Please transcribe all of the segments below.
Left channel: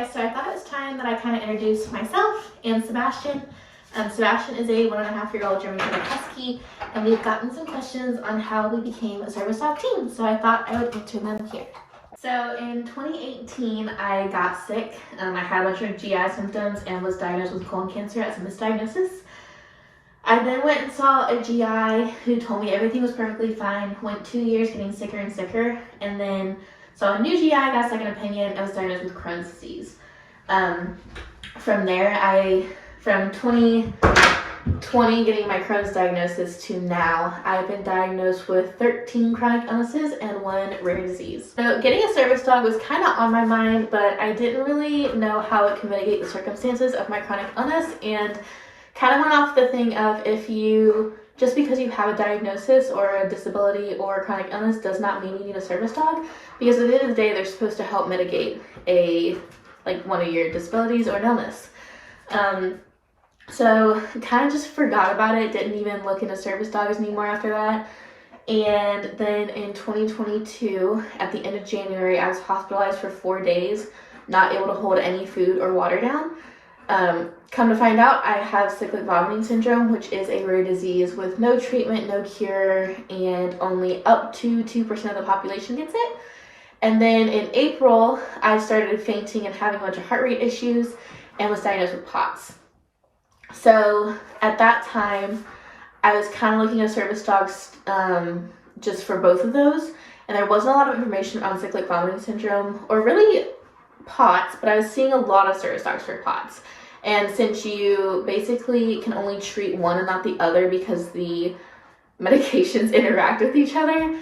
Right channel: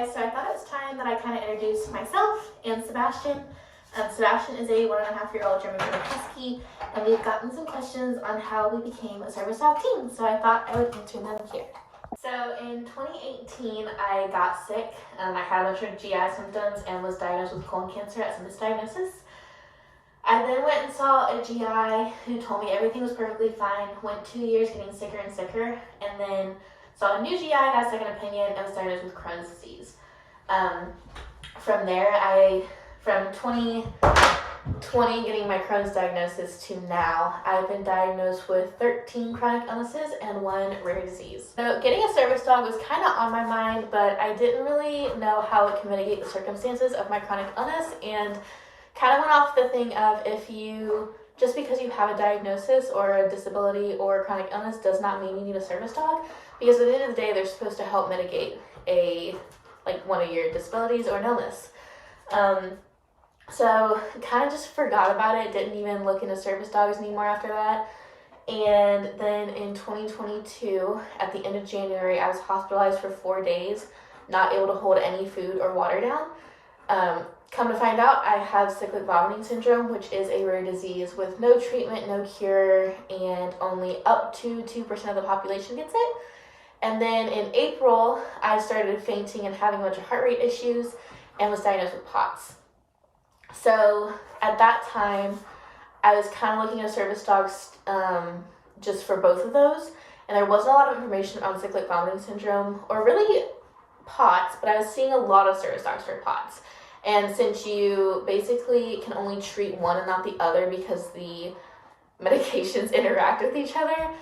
guys, so I thought it was time that I kind of introduce myself and Sebastian. Sebastian is a 1.5-year-old German Shepherd Husky, and we've gotten some questions on how we became a service dog team, so I thought I would answer them here. So in 2018, I got sick. I had a bunch of GI symptoms and was diagnosed with colon cancer as a misdiagnosis. I then went and saw a GI who told me everything was perfectly fine, went 2 years getting sicker and sicker, and then saw a new GI, got a second opinion, and was diagnosed with Crohn's disease. From there, from 2020 getting my Crohn's diagnosis to now, I've been diagnosed with 13 chronic illnesses and 1 rare disease. So getting a service dog was kind of on my mind, but I didn't really know how it could mitigate the circumstances of my chronic illness, and kind of went off the thing of just because you have a diagnosis or a disability or a chronic illness does not mean you need a service dog, because at the end of the day, they're supposed to help mitigate one of your disabilities or an illness. So kind of just forgot about it, didn't even look into service dogs anymore after that. And then in 2022, at the end of January, I was hospitalized for 4 days, not able to hold any food or water down. Come to find out, I have cyclic vomiting syndrome, which is a rare disease with no treatment, no cure, and only up to 2% of the population gets it. And then in April, I started fainting and having a bunch of heart rate issues and was diagnosed with POTS. So at that time, I was kind of looking at service dogs just for both of those, and there wasn't a lot of information on cyclic vomiting syndrome or really POTS, but I was seeing a lot of service dogs for POTS. And since you basically can only treat one and not the other because the medications interact with each other,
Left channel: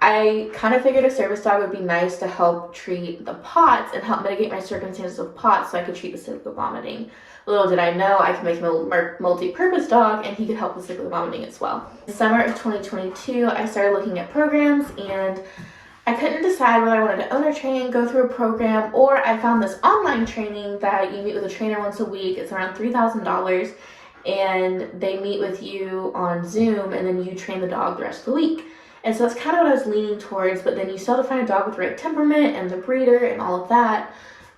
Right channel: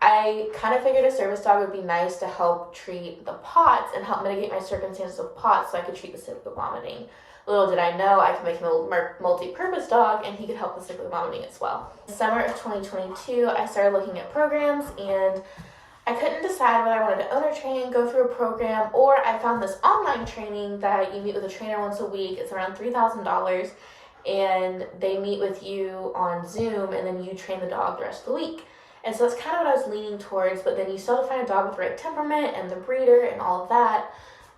I kind of figured a service dog would be nice to help treat the POTS and help mitigate my circumstances of POTS so I could treat the cyclic vomiting. Little did I know I could make him a multi-purpose dog and he could help with cyclic vomiting as well. In the summer of 2022, I started looking at programs, and I couldn't decide whether I wanted to owner train, go through a program, or I found this online training that you meet with a trainer once a week. It's around $3,000, and they meet with you on Zoom, and then you train the dog the rest of the week. And so that's kind of what I was leaning towards, but then you still have to find a dog with the right temperament and the breeder and all of that.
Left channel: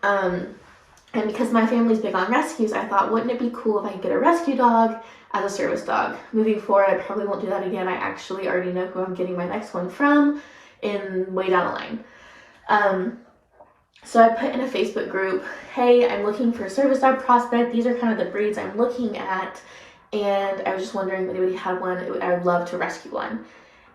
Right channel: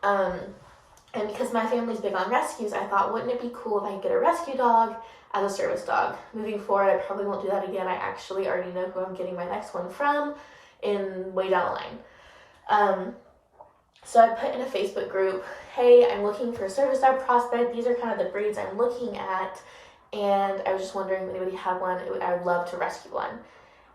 And because my family's big on rescues, I thought, wouldn't it be cool if I could get a rescue dog as a service dog? Moving forward, I probably won't do that again. I actually already know who I'm getting my next one from way down the line. So I put in a Facebook group, hey, I'm looking for a service dog prospect. These are kind of the breeds I'm looking at, and I was just wondering if anybody had one. I would love to rescue one.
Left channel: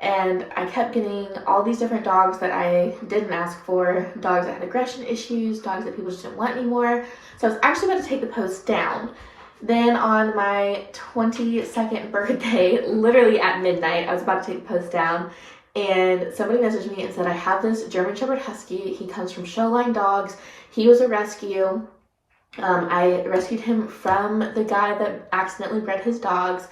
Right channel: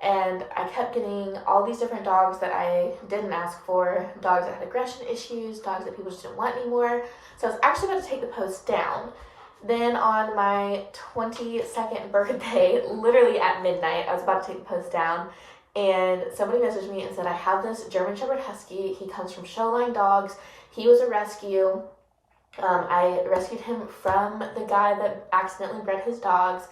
And I kept getting all these different dogs that I didn't ask for, dogs that had aggression issues, dogs that people just didn't want anymore. So I was actually about to take the post down. Then on my 22nd birthday, literally at midnight, I was about to take the post down, and somebody messaged me and said, I have this German Shepherd Husky. He comes from Showline Dogs. He was a rescue. I rescued him from the guy that accidentally bred his dogs,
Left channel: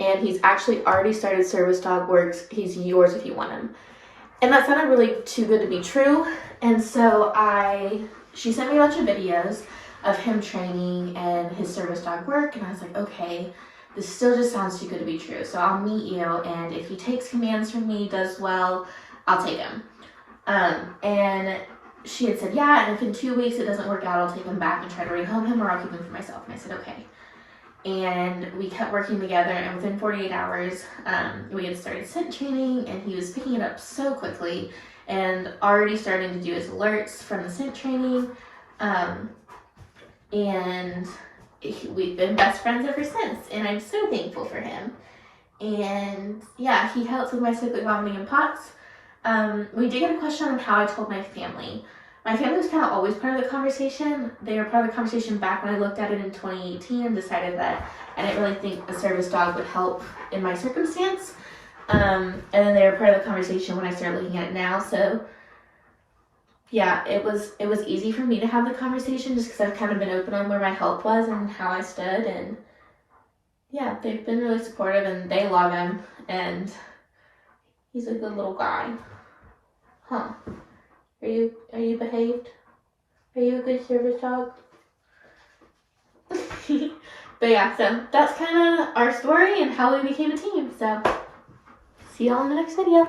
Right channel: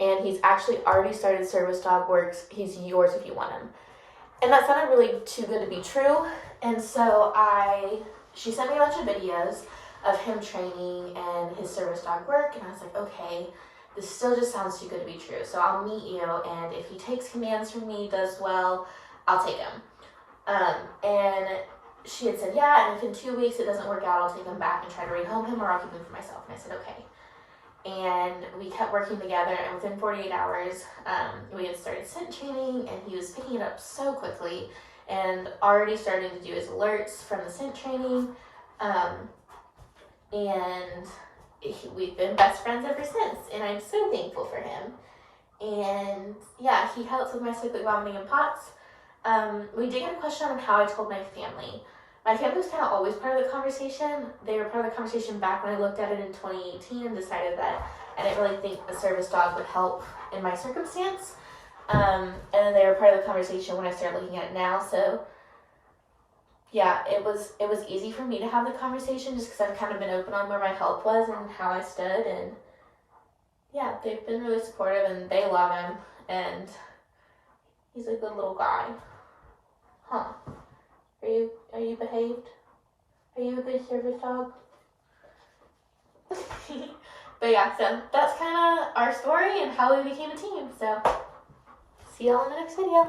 and he's actually already started service dog works. He's yours if you want him. And that sounded really too good to be true. And so she sent me a bunch of videos of him training and his service dog work, and I was like, okay, this still just sounds too good to be true. So I'll meet you, and if he takes commands from me, does well, I'll take him. And she had said, yeah, and if in 2 weeks it doesn't work out, I'll take him back and try to rehome him, or I'll keep him for myself. And I said, okay. And we kept working together, and within 48 hours, we had started scent training, and he was picking it up so quickly and already starting to do his alerts from the scent training. And we've been best friends ever since, and I'm so thankful for him. And yeah, he helps with my cyclic vomiting and POTS. We did get a question on how I told my family. My family was kind of always part of the conversation. They were part of the conversation back when I looked at it in 2018 and decided that I didn't really think a service dog would help in my circumstance. And then they were part of the conversation when I started looking at it now. So yeah, it was easy for me to have the conversation just because I've kind of been open on where my health was and how I stood. And yeah, they've been really supportive, and they love him, and he's a good little guy. Huh. Are you behaved? Are you a good service dog? But yeah, so that's kind of our story and how we became a team. So see y'all in the next video.